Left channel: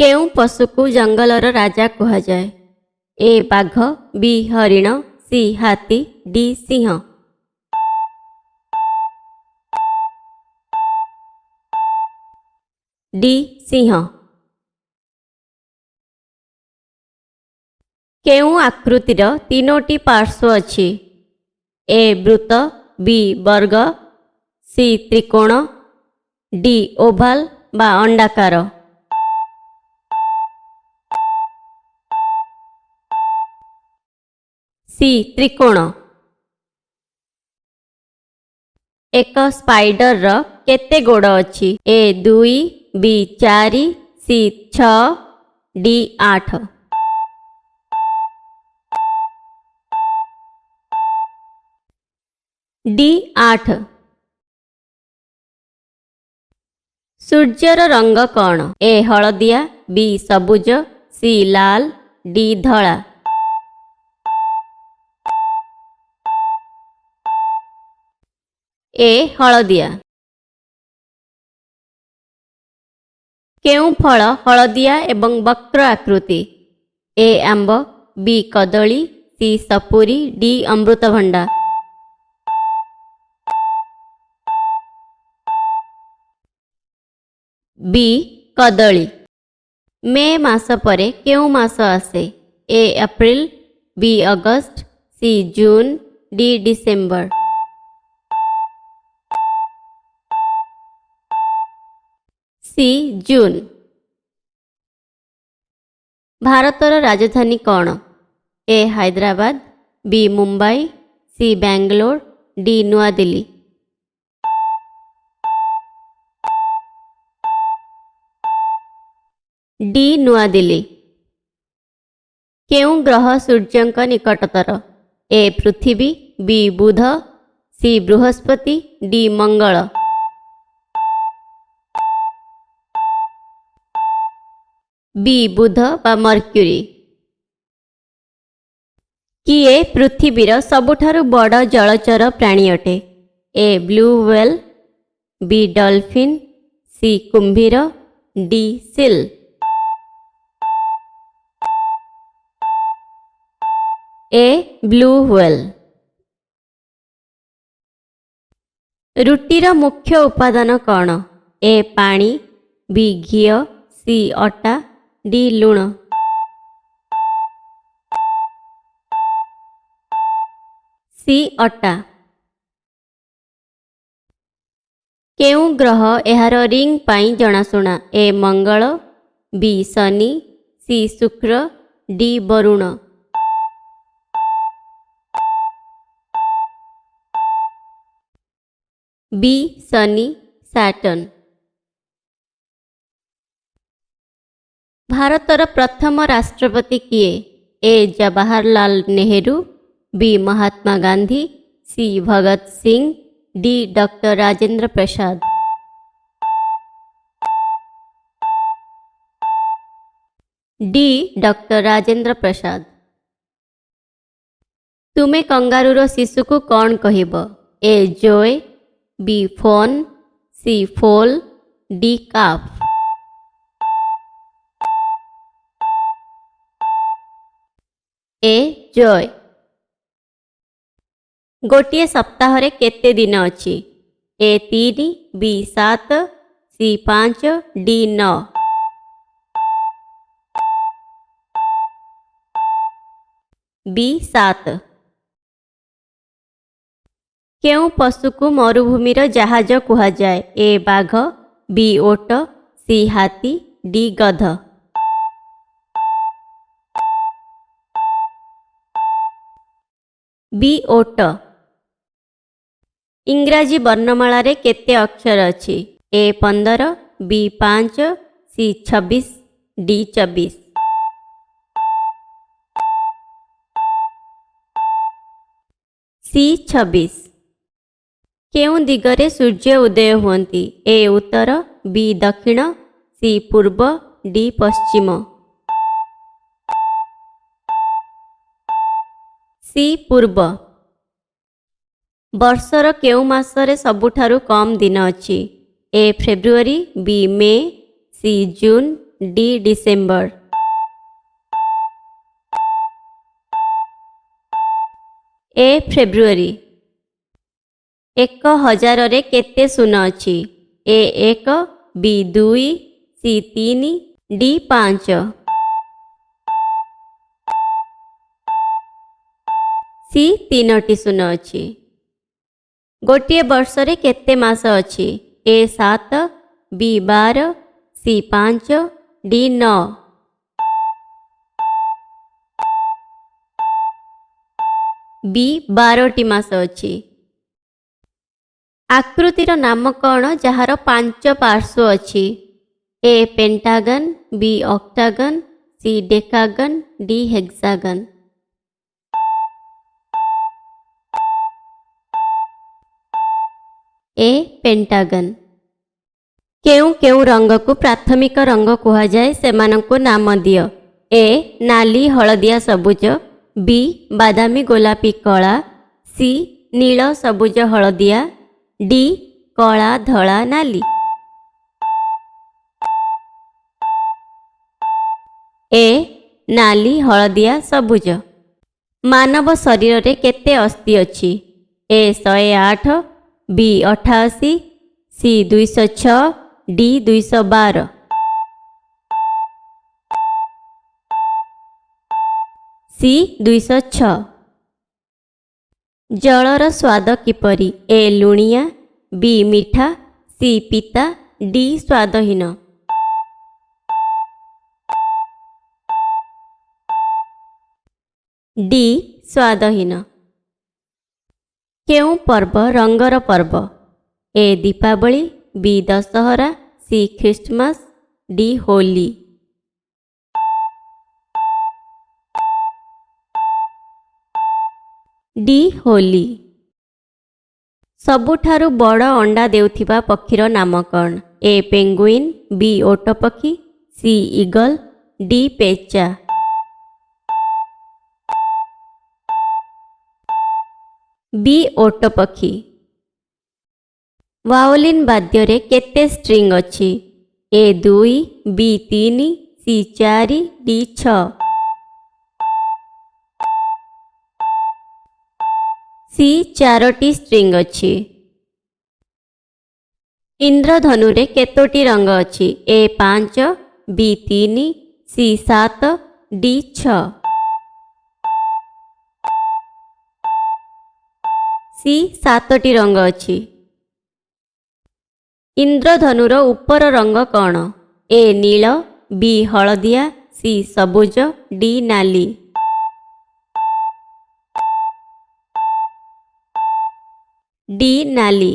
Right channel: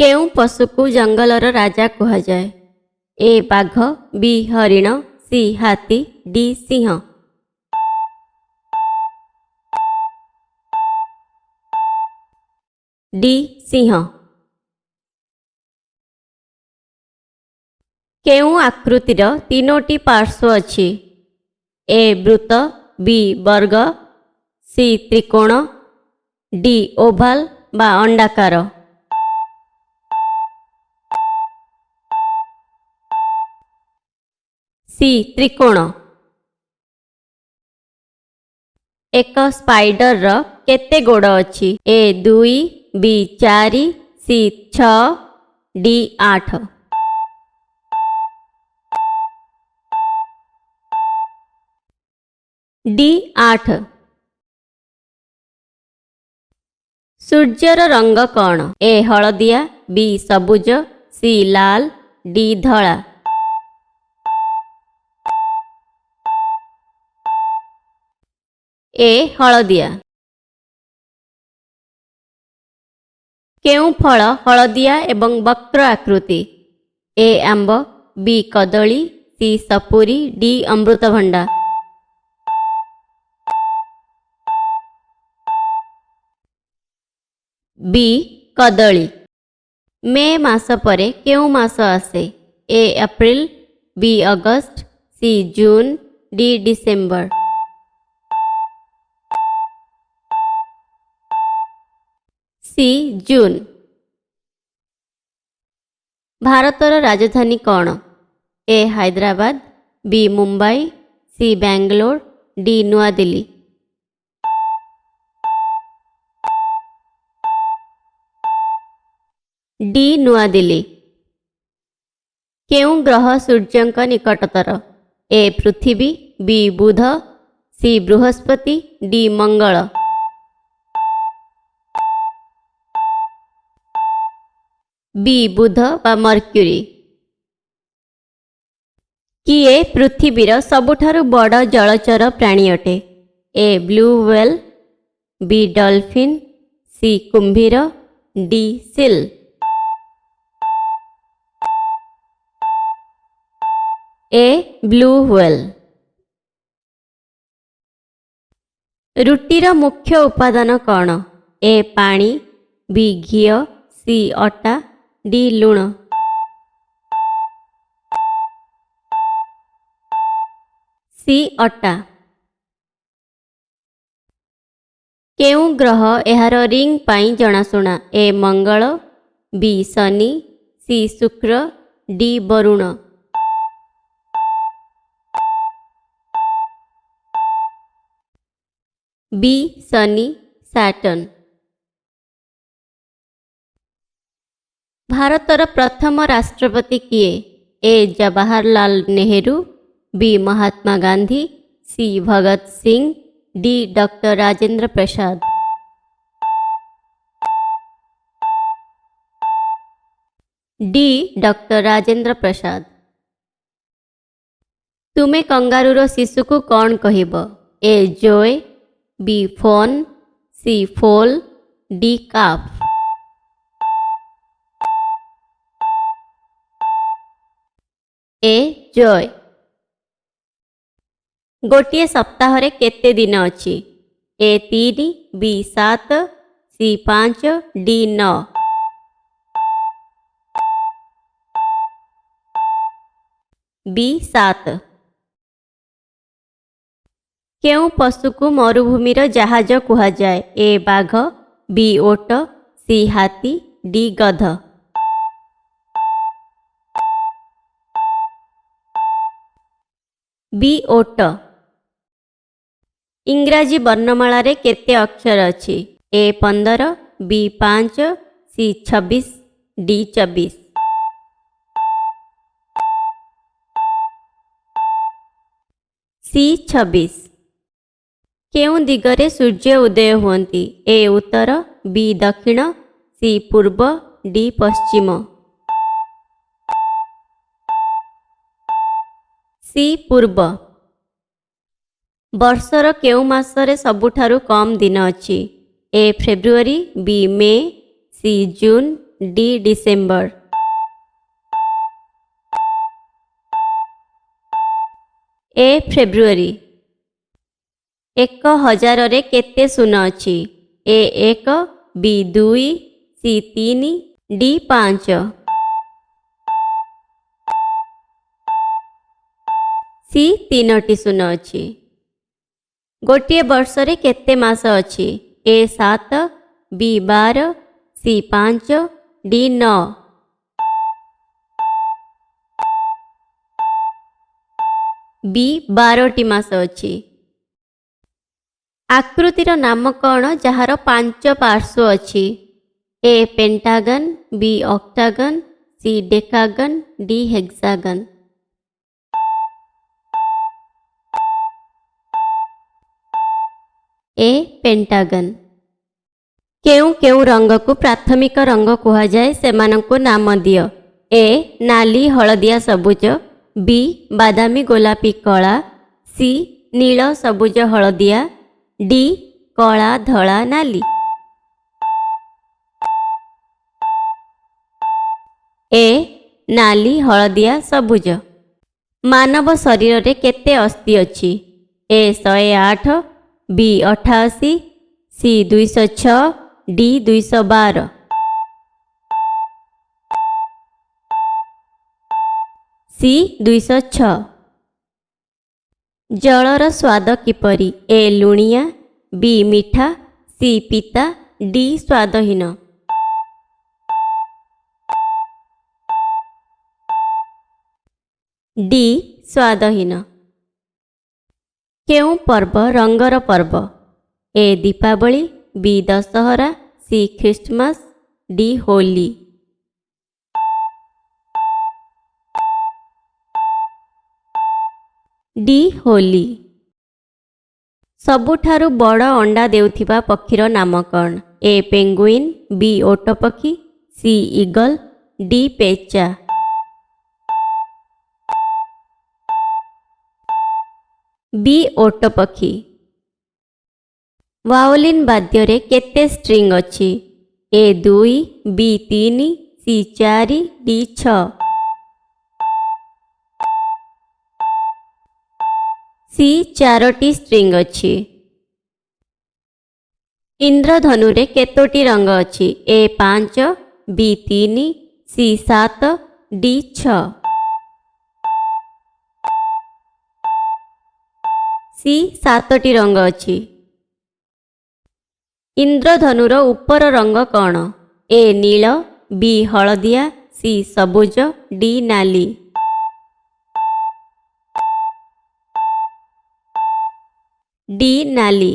କେଉଁ ପଶୁକୁ ଜଙ୍ଗଲର ରାଜା କୁହାଯାଏ? ଏ ବାଘ, ବି ହରିଣ, ସି ହାତୀ, ଡି ସିଂହ। ଡି ସିଂହ। କେଉଁ ଆକୃତିର ତିନୋଟି ପାର୍ଶ୍ୱ ଅଛି? ଏ ବୃତ୍ତ, ବି ବର୍ଗ, ସି ତ୍ରିକୋଣ, ଡି ଓଭାଲ ବା ଅଣ୍ଡାକାର। ସି ତ୍ରିକୋଣ। ଏକ ସ୍ପାଇଡରର କେତେ ଗୋଡ଼ ଅଛି? A 2, B 4, C 6, D 8। D 8। ସୂର୍ଯ୍ୟର ରଙ୍ଗ କ'ଣ? ଏ ହଳଦିଆ, ବି ସବୁଜ, ସି ଲାଲ, ଡି ଧଳା। ଏ ହଳଦିଆ। କେଉଁ ଫଳ ହଳଦିଆ ଏବଂ ବକ୍ର ଆକୃତି? ଏ ଆମ୍ବ, ବି କଦଳୀ, ସି ସପୁରୀ, ଡି ଅମୃତଭଣ୍ଡା। ବି କଦଳୀ। ମେ ମାସ ପରେ କେଉଁ ମାସ ଆସେ? A April, B August, C June, D December. C June. ଭାରତର ରାଜଧାନୀ କ'ଣ? A Hyderabad, B Mumbai, C Bangalore, D Nua Dilli. D Nua Dilli. କେଉଁ ଗ୍ରହ ସୂର୍ଯ୍ୟଙ୍କ ନିକଟତର? ଏ ପୃଥିବୀ, ବି ବୁଧ, ସି ବୃହସ୍ପତି, ଡି ମଙ୍ଗଳ। ବି ବୁଧ ବା ମର୍କ୍ୟୁରୀ। କିଏ ପୃଥିବୀର ସବୁଠାରୁ ବଡ଼ ଜଳଚର ପ୍ରାଣୀ ଅଟେ? A blue whale, B dolphin, C କୁମ୍ଭୀର, D seal. A blue whale. ରୁଟିର ମୁଖ୍ୟ ଉପାଦାନ କ'ଣ? ଏ ପାଣି, ବି ଘିଅ, ସି ଅଟା, ଡି ଲୁଣ। ସି ଅଟା। କେଉଁ ଗ୍ରହ ଏହାର ରିଙ୍ଗ ପାଇଁ ଜଣାଶୁଣା? ଏ ମଙ୍ଗଳ, ବି ଶନି, ସି ଶୁକ୍ର, ଡି ବରୁଣ। ବି ଶନି, ସାଟର୍ନ। ଭାରତର ପ୍ରଥମ ରାଷ୍ଟ୍ରପତି କିଏ? A Jawaharlal Nehru, B Mahatma Gandhi, C Bhagat Singh, D doctor Rajendra Prasad. D doctor Rajendra Prasad. ତୁମେ କଙ୍ଗାରୁର ଶିଶୁକୁ କ'ଣ କହିବ? A joey, B fawn, C foal, D calf. A joey. ଗୋଟିଏ ସପ୍ତାହରେ କେତେ ଦିନ ଅଛି? A 3, B 7, C 5, D 9। B 7। କେଉଁ ପଶୁକୁ ମରୁଭୂମିର ଜାହାଜ କୁହାଯାଏ? ଏ ବାଘ, ବି ଓଟ, ସି ହାତୀ, ଡି ଗଧ। ବି ଓଟ। ଇଂରାଜୀ ବର୍ଣ୍ଣମାଳାରେ କେତେ ଅକ୍ଷର ଅଛି? ଏ 15, ବି 5, ସି 26, ଡି 24। ସି 26। କେଉଁ ଦିଗରେ ସୂର୍ଯ୍ୟ ଉଦୟ ହୁଅନ୍ତି? ଏ ଉତ୍ତର, ବି ଦକ୍ଷିଣ, ସି ପୂର୍ବ, ଡି ପଶ୍ଚିମ। ସି ପୂର୍ବ। ବର୍ଷର କେଉଁ ମାସରେ ସବୁଠାରୁ କମ୍ ଦିନ ଅଛି? ଏ ଫେବୃଆରୀ, B May, C June, D December. A ଫେବୃଆରୀ। 1000ରେ କେତେ ଶୂନ ଅଛି? A 1, B 2, C 3, D 5। C 3ଟି ଶୂନ ଅଛି। ଗୋଟିଏ ବର୍ଷରେ କେତେ ମାସ ଅଛି? ଏ 7, ବି 12, ସି 5, ଡି 9। ବି 12ଟି ମାସ ଅଛି। ଆକୃତିର ନାମ କ'ଣ ଯାହାର 5 ପାର୍ଶ୍ୱ ଅଛି? ଏ ପେଣ୍ଟାଗନ୍, ବି ଅକ୍ଟାଗନ୍, ସି ଡେକାଗନ୍, ଡି ହେକ୍ସାଗନ୍। ଏ ପେଣ୍ଟାଗନ୍। କେଉଁ କେଉଁ ରଙ୍ଗକୁ ପ୍ରାଥମିକ ରଙ୍ଗ କୁହାଯାଏ ସେମାନଙ୍କୁ ନାମ ଦିଅ। ଏ ନାଲି ହଳଦିଆ ସବୁଜ, ବି ବାଦାମୀ ଗୋଲାପୀ କଳା, ସି ନୀଳ ସବୁଜ ହଳଦିଆ, ଡି କଳା ଧଳା ନାଲି। ଏ ନାଲି ହଳଦିଆ ସବୁଜ। ମାନବ ଶରୀରରେ କେତେ ଅସ୍ଥି ଅଛି? ଏ 108, ବି 88, ସି 206, ଡି 212। ସି 206। ଜଳର ସ୍ୱାଦ କିପରି? ଏ ଲୁଣିଆ, ବି ମିଠା, ସି ପିତା, ଡି ସ୍ୱାଦହୀନ। ଡି ସ୍ୱାଦହୀନ। କେଉଁ ପର୍ବ ରଙ୍ଗର ପର୍ବ? A Deepavali, B Dussehra, C Christmas, D Holi. D Holi. ସବୁଠାରୁ ବଡ଼ ଅଣ୍ଡା ଦେଉଥିବା ପକ୍ଷୀର ନାମ କ'ଣ? ଏ ପେଙ୍ଗୁଇନ୍, ବି ଓଟପକ୍ଷୀ, ସି ଇଗଲ, ଡି ପେଚା। ବି ଓଟପକ୍ଷୀ। ଭାଓଲିନ୍ ବାଦ୍ୟରେ କେତେ ଷ୍ଟ୍ରିଙ୍ଗ ଅଛି? A 2, B 3, C 4, D 6। C 4ଟି ଷ୍ଟ୍ରିଙ୍ଗ ଅଛି। ଇନ୍ଦ୍ରଧନୁରେ କେତୋଟି ରଙ୍ଗ ଅଛି? A 5, B 3, C 7, D 6। C 7ଟି ରଙ୍ଗ ଅଛି। ଇନ୍ଦ୍ରଧନୁର ଉପର ରଙ୍ଗ କ'ଣ? ଏ ନୀଳ, ବି ହଳଦିଆ, ସି ସବୁଜ, ଡି ନାଲି। ଡି ନାଲି।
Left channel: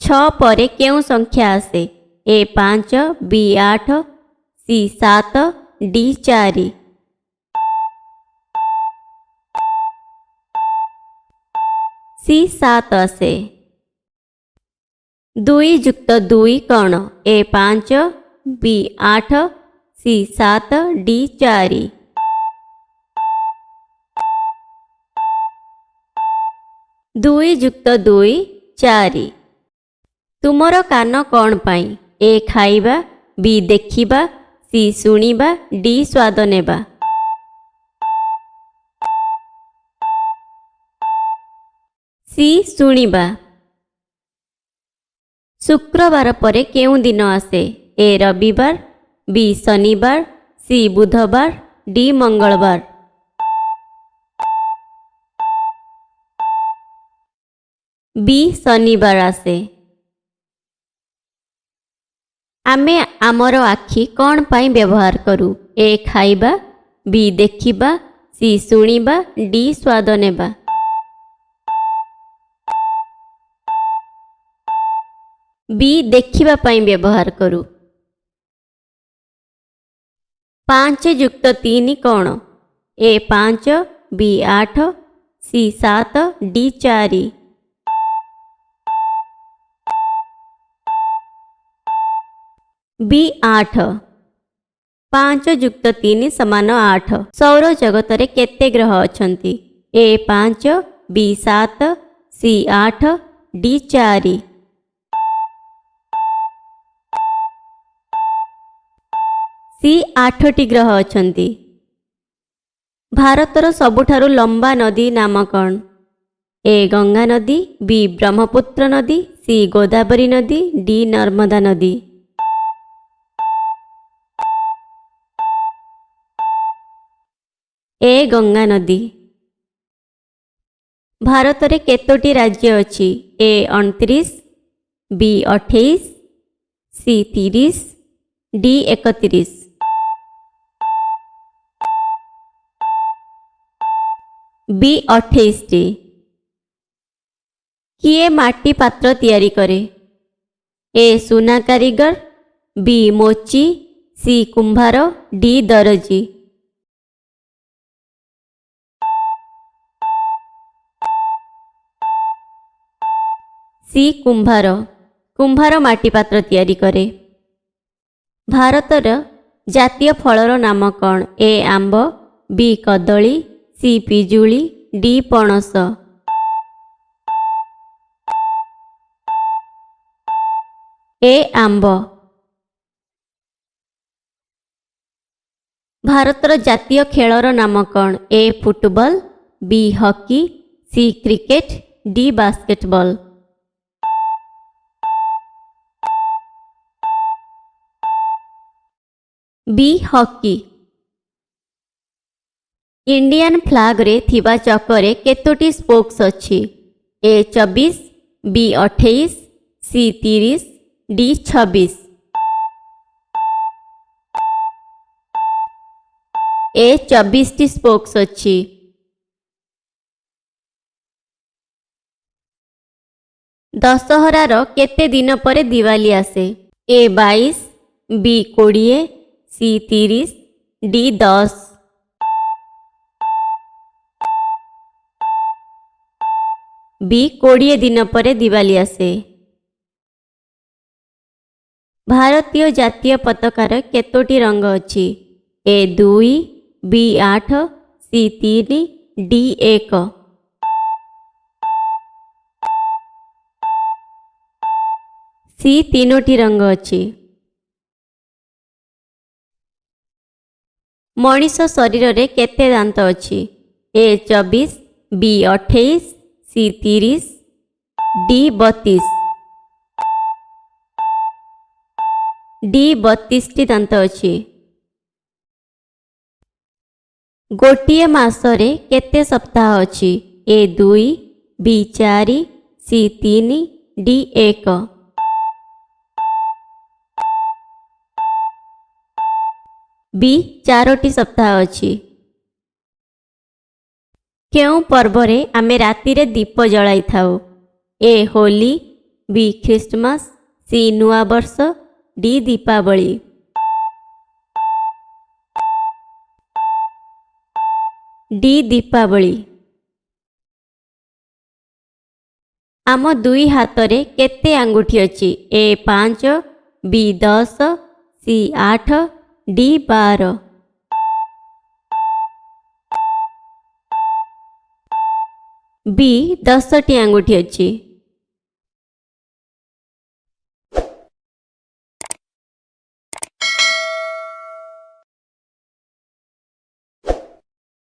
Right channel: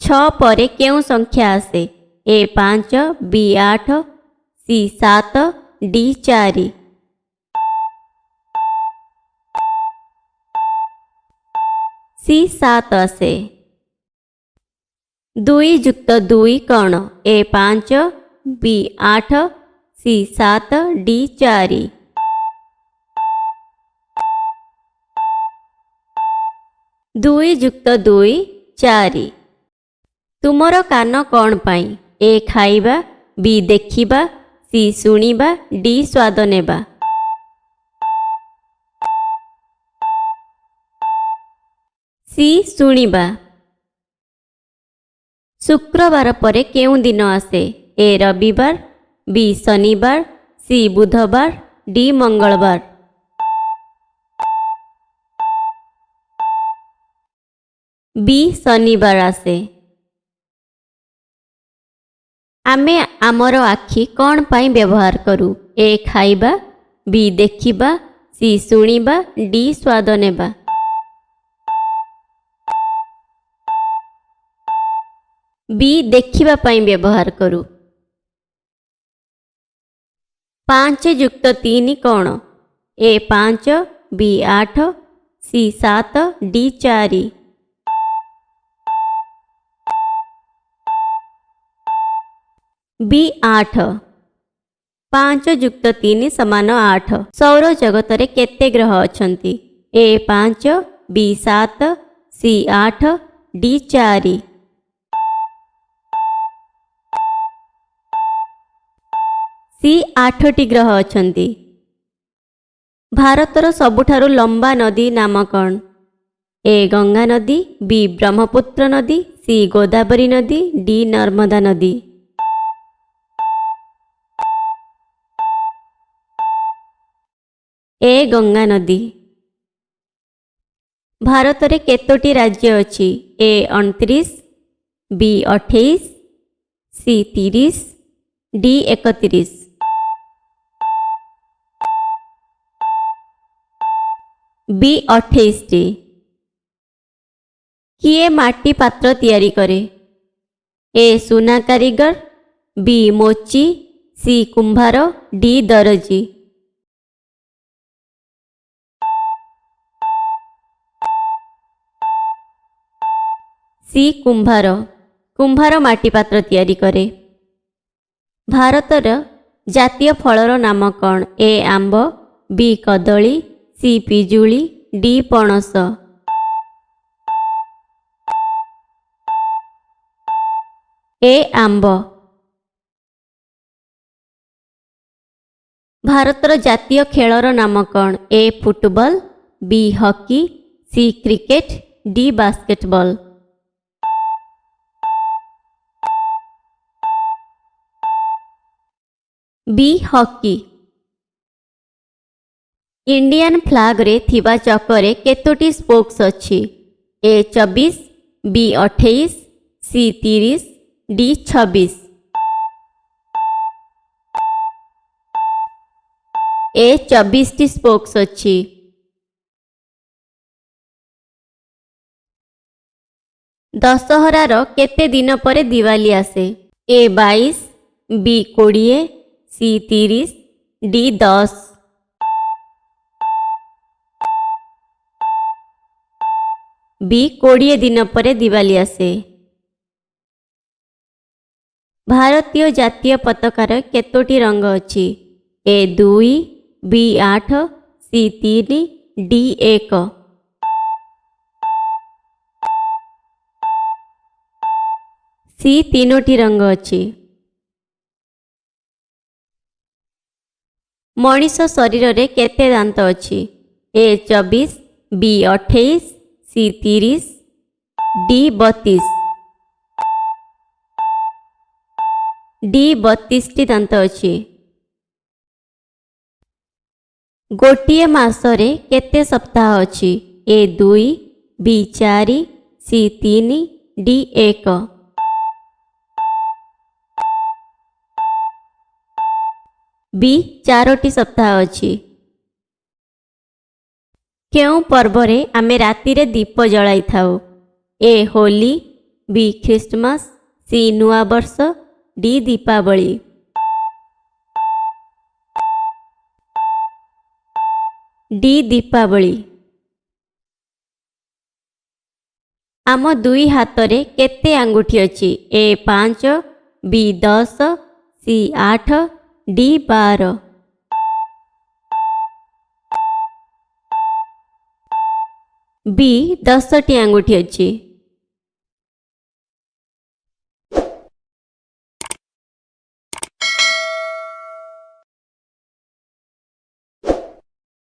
6 ପରେ କେଉଁ ସଂଖ୍ୟା ଆସେ? ଏ 5, ବି 8, ସି 7, ଡି 4। ସି 7 ଆସେ। 2 ଯୁକ୍ତ 2 କ'ଣ? ଏ 5, ବି 8, ସି 7, ଡି 4। ଦୁଇ ଯୁକ୍ତ 2 4। ତୁମର କାନ କ'ଣ ପାଇଁ? ଏ ଖାଇବା, ବି ଦେଖିବା, ସି ଶୁଣିବା, ଡି ସ୍ୱାଦ ନେବା। ସି ଶୁଣିବା। ଶୁକ୍ରବାର ପରେ କେଉଁ ଦିନ ଆସେ? ଏ ରବିବାର, ବି ଶନିବାର, ସି ବୁଧବାର, ଡି ମଙ୍ଗଳବାର। ବି ଶନିବାର ଆସେ। ଆମେ ଆମର ଆଖି କ'ଣ ପାଇଁ ବ୍ୟବହାର କରୁ? ଏ ଖାଇବା, ବି ଦେଖିବା, ସି ଶୁଣିବା, ଡି ସ୍ୱାଦ ନେବା। ବି ଦେଖିବା ପାଇଁ ବ୍ୟବହାର କରୁ। 5 ଯୁକ୍ତ 3 କ'ଣ? ଏ 5, ବି 8, ସି 7, ଡି 4। ବି 8। 5 ଯୁକ୍ତ 3 ସମାନ 8। ସୌର ଜଗତରେ କେତେ ଗ୍ରହ ଅଛନ୍ତି? ଏ 5, ବି 7, ସି 8, ଡି 4। सी 8टी ग्रह अछंती। भारतर सबुठारु लंबा नदी नाम कौन? ए गंगा नदी, बी ब्रह्मपुत्र नदी, सी गोदावरी नदी, डी नर्मदा नदी। ए गंगा नदी। भारत रे केतोटी राज्य अछि? ए 29, बी 28, सी 30, डी 31। बी 28टी। किए माटी पात्र तैयारी करे? ए सुना कारीगर, बी मोची, सी कुंभार, डी दरजी। सी कुंभार। कुंभार माटी पात्र तैयारी करे। भारतर जातीय फलर नाम कौन? ए आंब, बी कदली, सी पिजुली, डी पणस। ए आंब। भारतर जातीय खेलर नाम कौन? A football, B hockey, C cricket, D basketball. B hockey. Indian flag रे थिबा चक्रे केतोटी स्पोक्स अछि? A 24, B 28, C 30, D 26। A 24टी स्पोक्स अछि। दशहरार केते दिन पर दिवाली आसे? A 22, B 20, C 30, D 10। B 20 दिन पर दिवाली आसे। भारतीय जातीय पताकार केतोटी रंग अछि? ए 2, बी 8, सी 3, डी 1। सी 3टी रंग अछि। मनीष शरीर रे केते दांत अछि? A 24, B 28, C 30, D 32। D 32टी दांत अछि। गोटिए मासरे केते सप्ताह अछि? ए 2, बी 4, सी 3, डी 1। बी 4टी सप्ताह अछि। केउ पर्वरे आमे राति रे दीप जलाई थाउ? ए होली, बी ख्रिस्टमास, सी नुआ वर्ष, डी दीपावली। डी दीपावली। आम दुई हाथ रे केते आंगुठी अछि? ए 5, बी 10, सी 8, डी 12। बी 10टी आंगुठी अछि।